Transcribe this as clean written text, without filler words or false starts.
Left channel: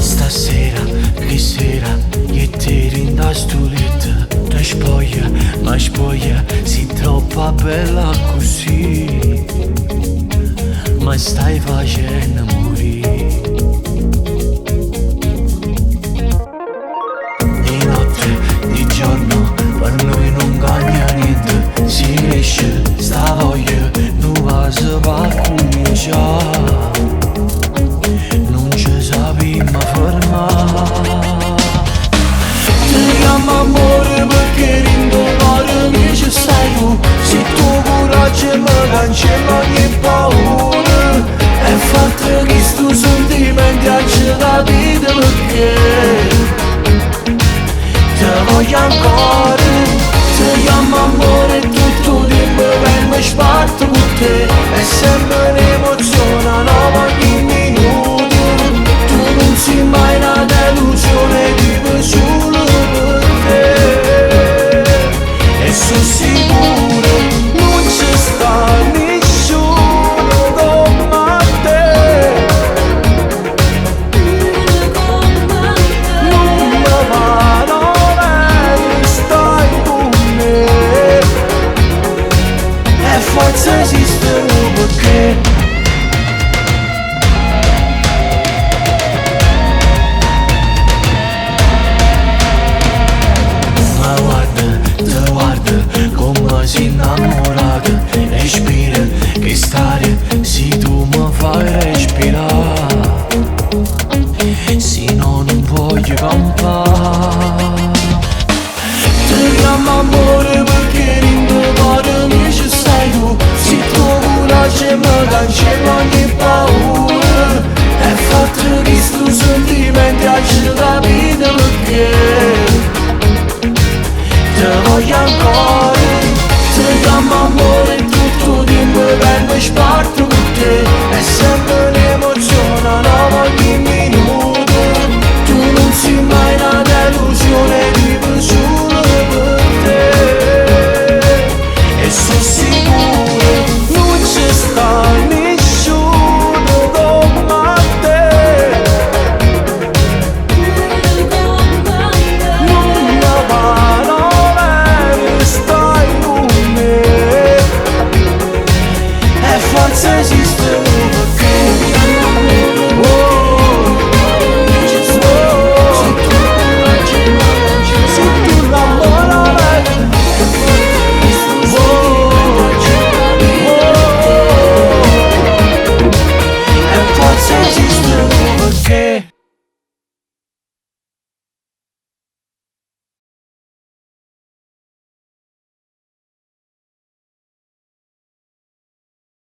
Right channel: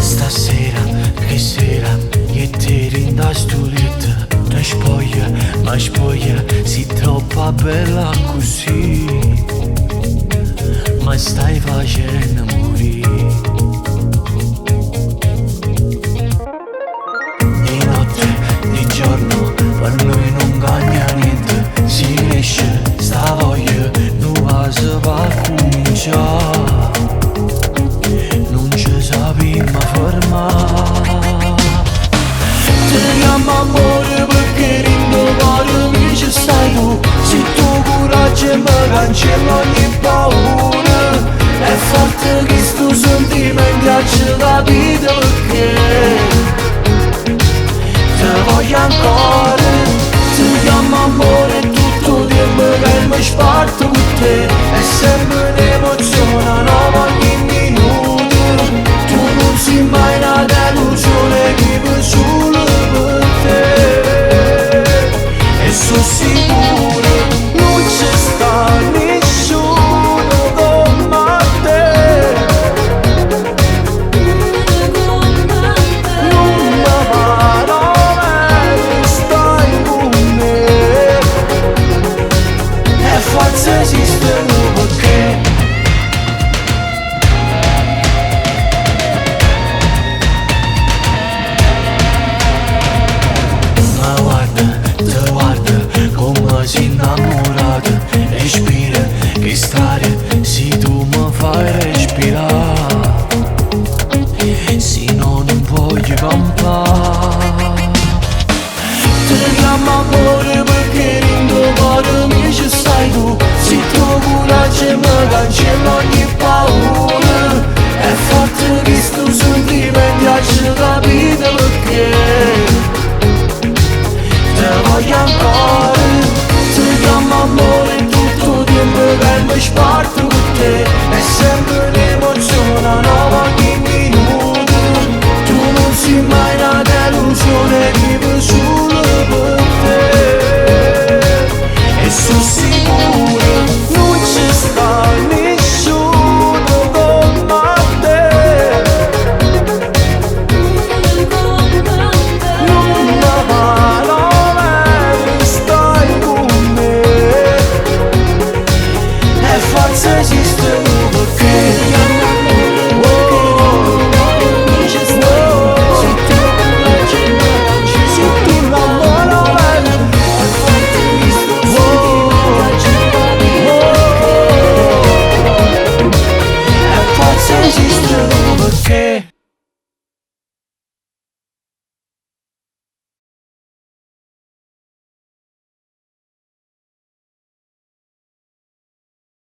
Stasera, che sera, io e te rinda sto letto. Ti spoglia, ma spoglia, sei troppo bella così. Ma stai facendo morire. Di notte, di giorno, per noi non cambia niente. Si cresce, sta voglia, non va se va a cominciare. Non ci sappiamo fermare. Ti chiamo amore perché rindo cuore mi ci stai tu. Se tuo coraggio mi cancella ogni paura. E forte che sto sentimento ci capite perché ti voglio ancora. Ti chiamo amore tutto il tempo che mi sparto con te. È sempre un'emozione nuova ogni minuto. Tu non sei mai una delusione, vivo solo per te. E sono sicuro non ci sta nessuno come te. Non mi farò bene, stai con me. E forse esistono perché ma guarda, ti guarda come sei innamorata. Respira che stare, se tu mi fai respirare. Se no non voglio campare. Ti chiamo amore perché rindo cuore mi ci stai tu. Se tuo coraggio mi cancella ogni paura. È forte che sto sentimento ci capite perché ti voglio ancora. Ti chiamo amore tutto il tempo che mi sparto con te. È sempre un'emozione nuova ogni minuto. Tu non sei mai una delusione, vivo su